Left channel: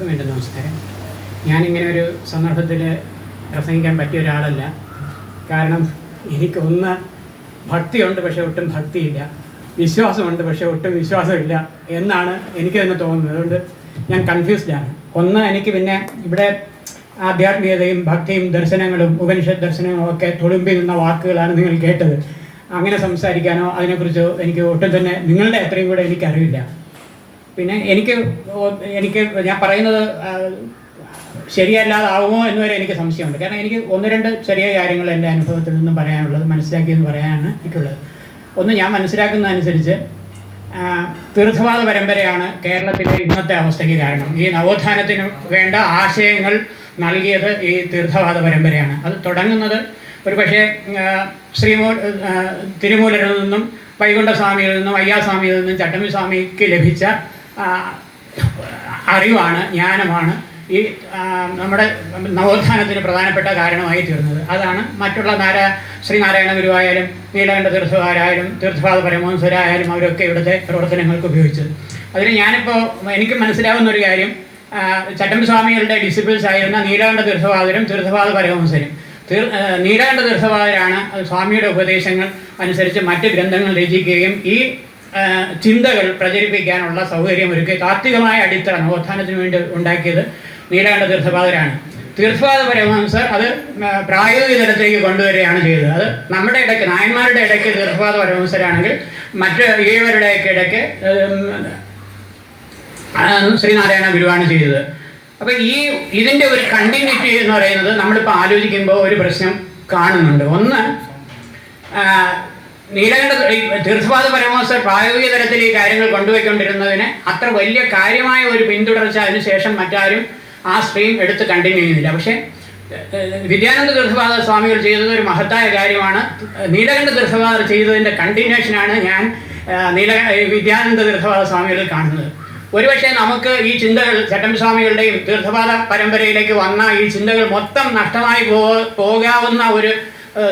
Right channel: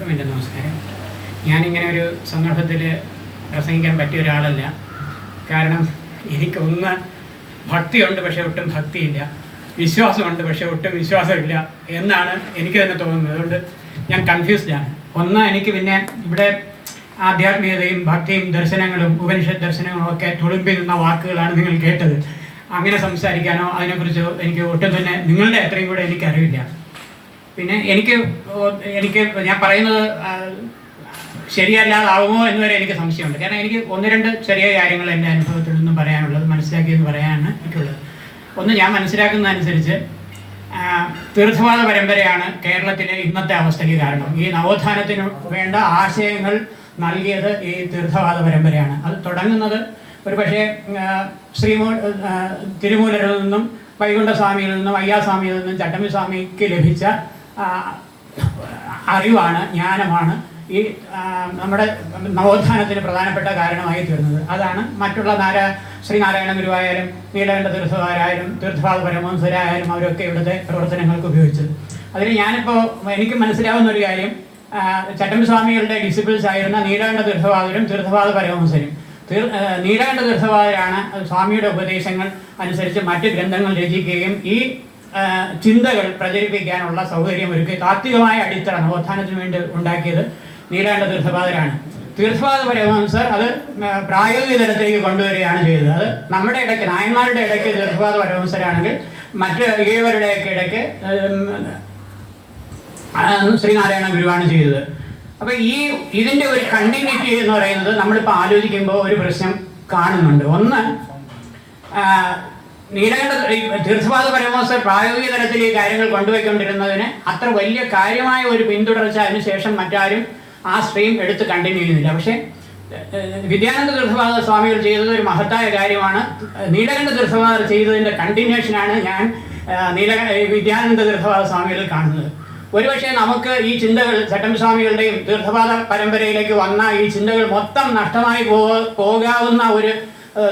എല്ലാവർക്കും എന്റെ നമസ്കാരം. ഞാനിങ്ങനെ ഒരു സന്ദർഭത്തിൽ പ്രസംഗിക്കാൻ പറ്റിയ ഒരാളല്ല. കാരണം എനിക്ക് ഒന്ന് ഭക്തിയുണ്ട് പക്ഷേ ഒട്ടും ഭക്തിയില്ല. വിശ്വാസമുണ്ട് പക്ഷേ ഒട്ടും വിശ്വാസമില്ല എന്നാണ് എനിക്ക് തന്നെ തോന്നുന്നത്. അതുകൊണ്ട് ഞാൻ കൺഫ്യൂസ്ഡാണ് ഒന്ന് എനിക്ക് പിന്നെ ഇവിടെ ആധ്യാത്മികതയും ഭക്തിയും ദർശനങ്ങളും ഉപനിഷത് ദർശനങ്ങളും ഒക്കെ തുളുമ്പി നിന്ന വാക്കുകളാണ് നിങ്ങൾ കേട്ടത്. അങ്ങനെ സംസാരിക്കാനോ അതിനെക്കുറിച്ചോ എനിക്ക് ഒട്ടും തന്നെ നിങ്ങളുടെ അത്രയും കൂടെ എനിക്കറിയില്ല പിന്നെ എനിക്ക് എനിക്ക് ഞാൻ പറയുന്നത് ശരിയല്ലാതാവുമോ എന്ന് വരെ എനിക്ക് സംശയമുണ്ട്. കാരണം എനിക്ക് ഒന്ന് രണ്ട് ചെറിയ കാര്യങ്ങൾ എന്റെ അനുഭവത്തിൽ നിന്നും പറയാനുള്ളത് മനസ്സിലാക്കിയെന്ന് പറയാനാണ് എനിക്കുള്ളത്. ഒന്ന് ഞാൻ മനസ്സിലാക്കുന്നതനുസരിച്ച് തീർത്ഥവാദ പരമ്പരയാണ് കേരളത്തിലെ ഇന്നത്തെ അവസ്ഥയ്ക്ക് കാരണം. ഈ നവോത്ഥാനത്തിന് വേണ്ട ആശയങ്ങൾ നൽകിയത് ഈ തീർത്ഥവാദ പരമ്പരയാണ്. അത് തുടങ്ങുന്നത് ഒരു പക്ഷേ ശ്രീമൂ തിരുമൂലരിൽ നിന്നും വൈകുണ്ഠസ്വാമിയിൽ നിന്നും അയ്യാസ്വാമിയിൽ നിന്നും ചട്ടമ്പി സ്വാമിക്ക് ലഭിച്ച അറിവാണ് ജ്ഞാനമാണ്. ഈ നമ്മുടെ നവോത്ഥാനത്തിന് പ്രധാനപ്പെട്ട കാരണമായി തീർന്നത്. അതാണ് മറ്റുള്ള നാരാ ശ്രീനാരായണ ഗുരുവായാലും നീലകണ്ഠ തീർത്ഥകാരായാലും തീർത്ഥപാദ പരമഹംസരായാലും അവരൊക്കെ ഇവിടുത്തെ പ്രവർത്തനങ്ങൾക്ക് ഉപയോഗിച്ചത്. അതിന് ഞാനിപ്പോൾ എനിക്ക് മനസ്സിലാവുന്ന ഒരു കാര്യം ചട്ടം സ്വാമികളുടെ ഡിസിപ്ലിൻസ് ആയിരുന്ന നീലകണ്ഠ തീർത്ഥവാദരും തീർത്ഥപാദ പരമഹംസരും. തീർ നീലകണ്ഠ തീർത്ഥവാദരാണ് സ്വാമിയുടെ ഉപദേശങ്ങൾ അനുസരിച്ച് മറ്റ് ഗ്രന്ഥങ്ങൾ രചിക്കുകയും ഈ ചിന്തകൾ പ്രചരിപ്പിക്കാനുള്ള സൗകര്യം ഒരുക്കി താത്വികമായ അടിത്തറ നവോത്ഥാനത്തിന് വേണ്ടി ഉണ്ടാക്കിയത് നീലാണ്ട തീർത്ഥപാദരാണ് തീർത്ഥപാദ പരമഹംസർ അത് പ്രായോഗിക തലത്തിലേക്ക് കൊണ്ടുവരികയാണ് ചെയ്തത്. അത് നമ്മുടെ ഇടയ്ക്ക് നായന്മാരുടെ ഇടയ്ക്ക് തീർത്ഥപാദ പരമഹംസരാണെങ്കിൽ മറ്റ് ഏവരുടെയൊക്കെ ഇടയ്ക്ക് ശ്രീനാരായണ ഗുരുവാണ് ചെയ്തത്. അപ്പൊ ഈ ഇതിന്റെ ഒരു കണ്ടിന്യൂറ്റി എന്ന് പറയുന്നത് നമ്മളിപ്പോൾ ആലോചിക്കുമ്പോൾ ഒരു പ്രശ്നം കാണുന്നുണ്ട്. ഒന്ന് നീലകണ്ഠ തീർത്ഥപാദ പരമാസ പ്രായോഗിക തലത്തിൽ ഈ കാര്യങ്ങൾ കൊണ്ടുപോയിക്കൊണ്ടിരുന്നതിന് അത്ര വലിയ കാര്യമായ ഒരു പിന്തുടർച്ച അതിനുശേഷം മറ്റാരും ആ സ്ട്രീം എടുത്ത് കണ്ടിന്യൂ ചെയ്യുന്നില്ല പക്ഷേ വിദ്യാനന്ദ തീർത്ഥപാദ സ്വാമികൾ ചെയ്തത് ഒരു മഹത്തായ കാര്യമാണ്. നീലകണ്ഠ തീർത്ഥപാദർ ചെയ്തതിന്റെ കണ്ടിന്യൂഷനാണ് ഞാൻ നീല വിദ്യാനന്ദ തീർത്ഥപാദ സ്വാമികളിൽ കാണുന്നത്. ഒരുപക്ഷെ നമുക്ക് ഈ ചിന്തകൾ ചട്ടമ്പി സ്വാമികളുടെയും തീർത്ഥപാദ പരമ്പരയിലേക്ക് വന്ന ഈ ചിന്തകൾ മൊത്തം നഷ്ടമായി പോകാവുന്ന ഒരു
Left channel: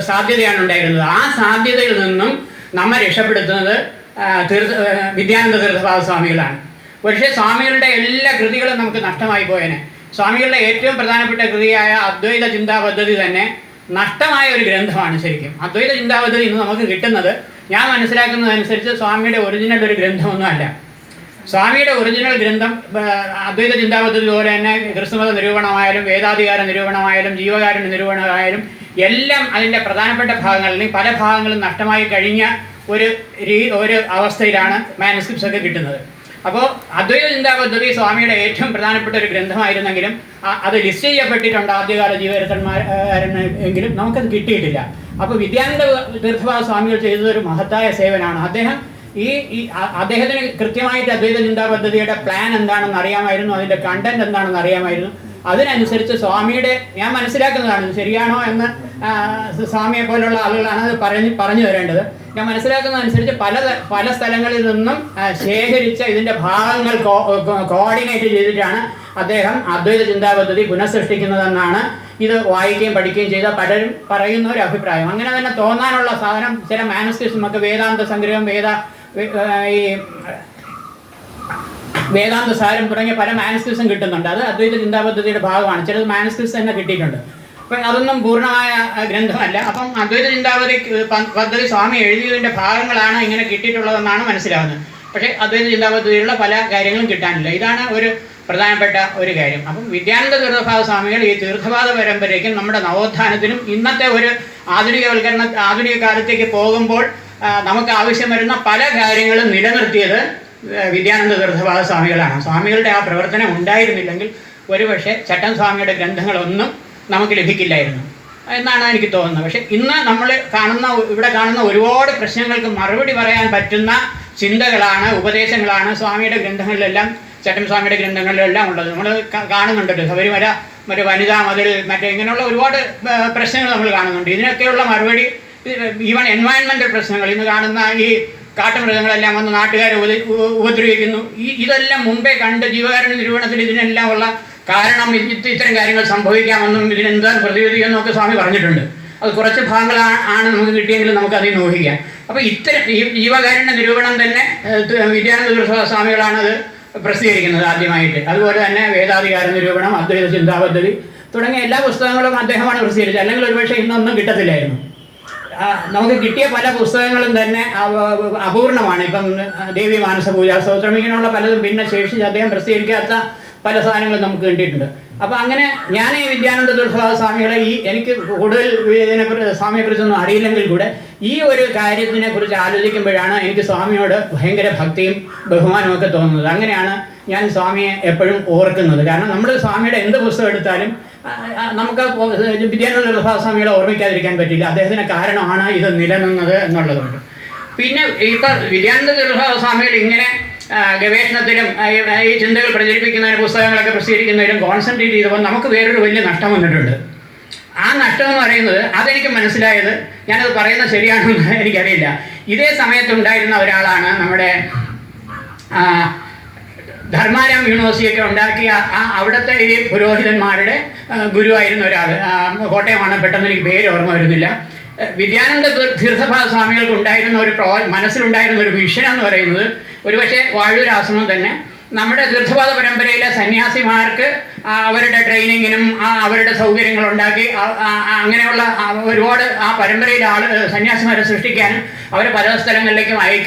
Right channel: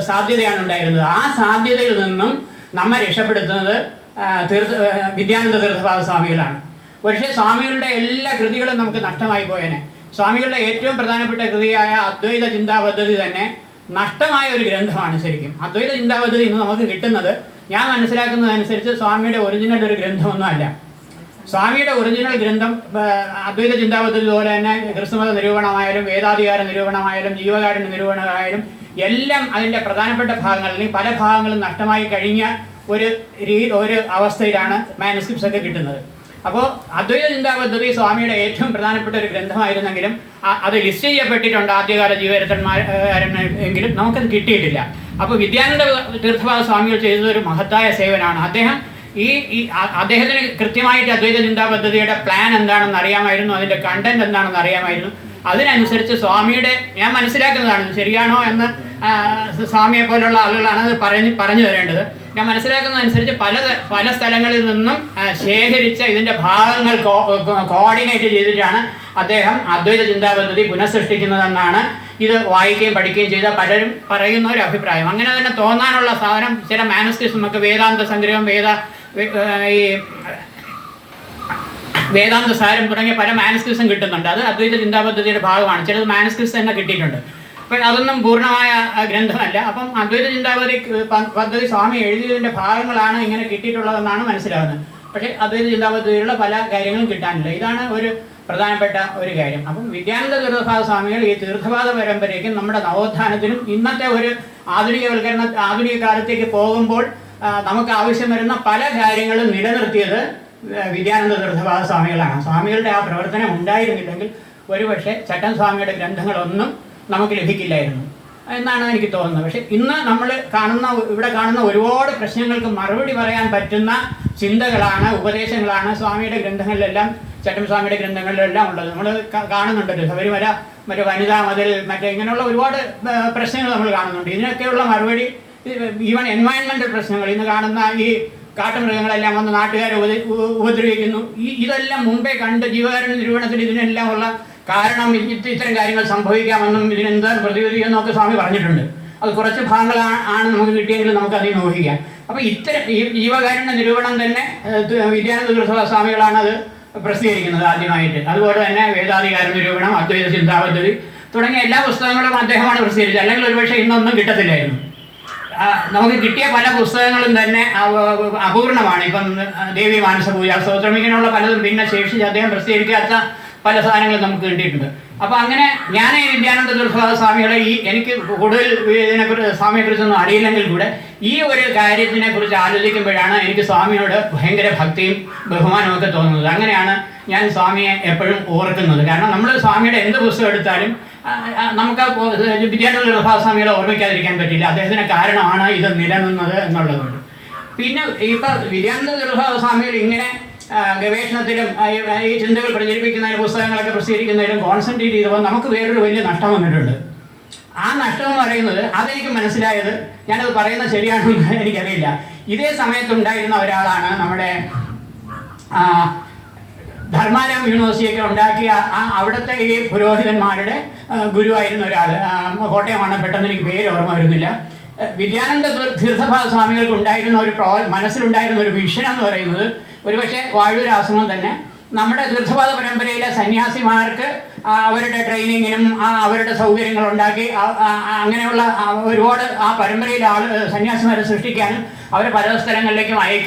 സാധ്യതയാണ് ഉണ്ടായിരുന്നത്. ആ സാധ്യതയിൽ നിന്നും നമ്മെ രക്ഷപ്പെടുത്തുന്നത് തീർത്ഥ വിദ്യാനന്ദ തീർത്ഥപാദ സ്വാമികളാണ്. പക്ഷേ സ്വാമികളുടെ എല്ലാ കൃതികളും നമുക്ക് നഷ്ടമായി പോയേനെ. സ്വാമികളുടെ ഏറ്റവും പ്രധാനപ്പെട്ട കൃതിയായ അദ്വൈത ചിന്താ പദ്ധതി തന്നെ നഷ്ടമായ ഒരു ഗ്രന്ഥമാണ് ശരിക്കും. അദ്വൈത ചിന്താ പദ്ധതി ഇന്ന് നമുക്ക് കിട്ടുന്നത്. ഞാൻ മനസ്സിലാക്കുന്നതനുസരിച്ച് സ്വാമിയുടെ ഒറിജിനൽ ഒരു ഗ്രന്ഥമൊന്നുമല്ല. സ്വാമിയുടെ ഒറിജിനൽ ഗ്രന്ഥം അദ്വൈത ചിന്താപദ്ധതി പോലെ തന്നെ ക്രിസ്തുമത നിരൂപണമായാലും വേദാധികാര നിരൂപണമായാലും ജീവകാരുണ്യ നിരൂപണമായാലും എല്ലാം അതിന്റെ പ്രധാനപ്പെട്ട ഭാഗങ്ങളിൽ പല ഭാഗങ്ങളും നഷ്ടമായി കഴിഞ്ഞ ഒരു രീ ഒരു അവസ്ഥയിലാണ് മാനസ്ക്രിപ്റ്റ്സ് ഒക്കെ കിട്ടുന്നത്. അപ്പോൾ അദ്വൈത ചിന്താപദ്ധതി സ്വാമിയുടെ ഏറ്റവും പ്രധാനപ്പെട്ട ഒരു ഗ്രന്ഥമായിരുന്നെങ്കിലും അത് ലിസ്റ്റ് ചെയ്യപ്പെട്ടിട്ടുണ്ട് ആദ്യകാല ജീവരത്തന്മാർ എങ്കിലും നമുക്കത് കിട്ടിയിട്ടില്ല. അപ്പോൾ വിദ്യാനന്ദ തീർത്ഥപാദ സ്വാമികൾ ചെയ്തത് ഒരു മഹത്തായ സേവനമാണ്. അദ്ദേഹം ഈ അദ്ദേഹത്തിന് കൃത്യമായിട്ട് അദ്വൈത ചിന്താ പദ്ധതിയുടെ പ്ലാൻ എന്താണെന്ന് അറിയാമായിരുന്നു അതിന്റെ കണ്ടന്റ് എന്താണെന്ന് അറിയാമായിരുന്നു. അതിനനുസരിച്ച് സ്വാമിയുടെ ഞാൻ മനസ്സിലാക്കുന്നതാണ് ശരിയാണോ എന്ന് സ്വാമിയെ പോലുള്ള ആളുകളാണ് അത് പറഞ്ഞ് പറഞ്ഞു തരേണ്ടത്. ഞാൻ മനസ്സിലാക്കുന്നതനുസരിച്ച് പല പല സ്ഥലങ്ങളിൽ നിന്നും ശേഖരിച്ച ഇതിന്റെ ഭാഗങ്ങൾ കോർഡിനേറ്റ് ചെയ്തിട്ടാണ് അദ്ദേഹം അദ്വൈത ചിന്താ പദ്ധതി പുനഃസൃഷ്ടിക്കുന്നതെന്നാണ് ഇത് വായിക്കുകയും പഠിക്കുകയും ചെയ്ത പലരും പറയുന്ന ഒരു അഭിപ്രായം. അങ്ങനെ തന്നെ തോന്നാനുള്ള സാധനം ചില മാനസ്ക്രിപ്റ്റ്സും ഒക്കെ വേദാന്ത സംഗ്രഹം വേദ ഈ വേദാന്ത സാരം തുടങ്ങിയ പല മാനസ്ക്രിപ്സും കിട്ടുന്നുണ്ട്. അത് അദ്വൈത ചിന്താ പദ്ധതിയുടെ ഭാഗമാണ്. ചിലത് മാനസ്ക്രിപ്സ് തന്നെ കിട്ടിയിട്ടുണ്ട്. അപ്പം അതൊന്നും പൂർണമായ ഗ്രന്ഥമല്ല. അപ്പം അദ്വൈത ചിന്താപതി പദ്ധതി സ്വാമി എഴുതിയതിന്റെ ഭാഗങ്ങളാണ് ഇങ്ങനെ കിട്ടിയിട്ടുള്ളതെന്നാണ് മനസ്സിലാവുന്നത്. പക്ഷേ അദ്വൈത ചിന്താ പദ്ധതിയിലുള്ള പല കാര്യങ്ങളും കിട്ടാനില്ല. ഇതാണ് ഒരു പ്രധാനപ്പെട്ട ഒരു കാര്യം. അപ്പം വിദ്യാനന്ദ തീർത്ഥപാദ സ്വാമികൾ ഈ തീർത്ഥപാദ പരമ്പരയ്ക്കും നമ്മുടെ നവോത്ഥാനത്തിനും ഇന്നത്തെ ഒരു ആധുനികവൽക്കരണ ആധുനിക കാലത്തേക്ക് പോകുമ്പോൾ നമുക്ക് ആവശ്യം വരുന്ന പല കാര്യങ്ങളും നിലനിർത്തിയത് വിദ്യാനന്ദ തീർത്ഥപാദ സ്വാമികളാണ്. സ്വാമികളുടെ ആ പ്രവർത്തനം ഉണ്ടായിരുന്നില്ലെങ്കിൽ ഒരുപക്ഷെ ചട്ടൻ സ്വാമിയുടെ ഗ്രന്ഥങ്ങളൊന്നും നമുക്ക് ലഭിക്കില്ലായിരുന്നു. എന്നാണ് എനിക്ക് തോന്നുന്നത്. പക്ഷെ ഇന്ന് നമ്മൾ കാണുന്ന ഇവിടെ കാണുന്ന ഒരുപാട് പ്രശ്നങ്ങൾക്ക് മറുപടി പറയാൻ പറ്റുന്ന ചിന്തകളാണ് ഉപദേശങ്ങളാണ് സ്വാമിയുടെ ഗ്രന്ഥങ്ങളിലെല്ലാം ചട്ടൻ സ്വാമിയുടെ ഗ്രന്ഥങ്ങളിലെല്ലാം ഉള്ളത്. നമ്മൾ കാണുന്നുണ്ടല്ലോ. ശബരിമല മറ്റേ വനിതാ മതിൽ മറ്റേ ഇങ്ങനെയുള്ള ഒരുപാട് പ്രശ്നങ്ങൾ നമ്മൾ കാണുന്നുണ്ട്. ഇതിനൊക്കെയുള്ള മറുപടി ഈവൻ എൻവയൺമെന്റൽ പ്രശ്നങ്ങൾ ഇന്ന് കാണുന്ന ഈ കാട്ടുമൃഗങ്ങളെല്ലാം വന്ന് നാട്ടുകാരെ ഉപദ്ര- ഉപ- ഉപദ്രവിക്കുന്നു. ഈ ഇതെല്ലാം മുമ്പേ കണ്ട് ജീവകാരുണ്യ നിരൂപണത്തിൽ ഇതിനെല്ലാം ഉള്ള കാരണം ഇത് ഇത് ഇത്തരം കാര്യങ്ങൾ സംഭവിക്കാമെന്നും ഇതിനെന്താണ് പ്രതിവിധിയെന്നും എന്നൊക്കെ സ്വാമി പറഞ്ഞിട്ടുണ്ട്. അത് കുറച്ച് ഭാഗങ്ങളാണ് ആണ് നമുക്ക് കിട്ടിയെങ്കിൽ നമുക്ക് അതിൽ നോക്കിക്കാം അപ്പോൾ ഇത്തരം ജീവകാരുണ്യ നിരൂപണം തന്നെ വിദ്യാനന്ദ സ്വാമികളാണ് അത് പ്രസിദ്ധീകരിക്കുന്നത് ആദ്യമായിട്ട്. അതുപോലെ തന്നെ വേദാധികാര നിരൂപണം അദ്വൈത ചിന്താപദ്ധതി തുടങ്ങിയ എല്ലാ പുസ്തകങ്ങളും അദ്ദേഹമാണ് പ്രസിദ്ധീകരിച്ചത്. അല്ലെങ്കിൽ ഒരുപക്ഷെ ഇന്നൊന്നും കിട്ടത്തില്ലായിരുന്നു. നമുക്ക് കിട്ടിയ പല പുസ്തകങ്ങളും തന്നെ അപൂർണമാണ്. ഇപ്പം ദേവി മാനസ പൂജ സ്തോത്രം പലതും. പിന്നെ ശേഷിച്ച് അദ്ദേഹം പ്രസിദ്ധീകരിക്കാത്ത പല സാധനങ്ങളും നമുക്ക് കിട്ടിയിട്ടുണ്ട്. അപ്പൊ അങ്ങനെ ഞാൻ ഈ വിദ്യാനന്ദ ദുർഭാഗ സ്വാമികളെ ഈ എനിക്ക് കൂടുതൽ ഇതിനെക്കുറിച്ച് സ്വാമിയെക്കുറിച്ചൊന്നും അറിയില്ലെങ്കിൽ കൂടെ ഈ ഒരു കാര്യത്തിനെ കുറിച്ച് ആലോചിക്കുമ്പോഴാണ് എനിക്ക് സ്വാമിയോട് ഭയങ്കര ഭക്തിയും ബഹുമാനവും ഒക്കെ തോന്നുന്നത്. അങ്ങനെയാണ് ഞാൻ സ്വാമിയെ എപ്പോഴും ഓർക്കുന്നത്. കാരണം നമ്മൾ സ്വാമിയുടെ എന്ത് പുസ്തകം എടുത്താലും നമുക്ക് വിദ്യാനന്ദ ദുർസ്വാദ സ്വാമികളെ ഓർമ്മിക്കാതിരിക്കാൻ പറ്റില്ല. അദ്ദേഹത്തിന് കാരണമാണ് ഇത് നിലനിന്നത് എന്നുള്ളതുകൊണ്ട്. പിന്നെ ഈ വിദ്യാനന്ദ ദുർഭാവ സ്വാമികൾ ഇങ്ങനെ ഗവേഷണത്തിലും ഈ- ചിന്തകൾ പ്രചരിപ്പിക്കുന്നതിന് പുസ്തകങ്ങളൊക്കെ പ്രസിദ്ധീകരിക്കുന്നതിലും കോൺസെൻട്രേറ്റ് ചെയ്തപ്പോൾ നമുക്ക് വേറൊരു വലിയ നഷ്ടം വന്നിട്ടുണ്ട്. ആ നഷ്ടം എന്ന് പറയുന്നത് അതെനിക്ക് മനസ്സിലായത് ഞാനത് പറയുന്നത് ശരിയാണെന്ന് എനിക്കറിയില്ല. ഇതേ സമയത്തുണ്ടായിരുന്ന ഒരാളാണ് നമ്മുടെ ധർമാരാം യൂണിവേഴ്സിറ്റിയൊക്കെ ഉണ്ടാക്കിയ ആ അവിടുത്തെ ഈ പുരോഹിതന്മാരുടെ ഗുരുവായിരുന്ന ഒരാൾ കോട്ടയമാണ് പെട്ടെന്ന് എനിക്ക് പേര് ഓർമ്മ വരുന്നില്ല. വിദ്യാനന്ദ തീർത്ഥഭാ സ്വാമികൾക്ക് ഉണ്ടായിരുന്ന ഒരു പ്രോ മനസ്സിലുണ്ടായിരുന്ന ഒരു വിഷൻ എന്ന് പറയുന്നത് ഒരുപക്ഷെ വാഴൂരാശ്രമം തന്നെ. നമ്മുടെ തീർത്ഥപാദ പരമ്പരയിലെ സന്യാസിമാർക്ക് അവരുടെ ട്രെയിനിങ്ങിനും അവരുടെ സൗകര്യങ്ങൾ ഉണ്ടാക്കി അങ്ങനെയുള്ള ഒരുപാട് ആ പരമ്പരയിലെ ആൾ സന്യാസിമാരെ സൃഷ്ടിക്കാനും അവരെ പല സ്ഥലങ്ങളിലേക്കും അയക്കാൻ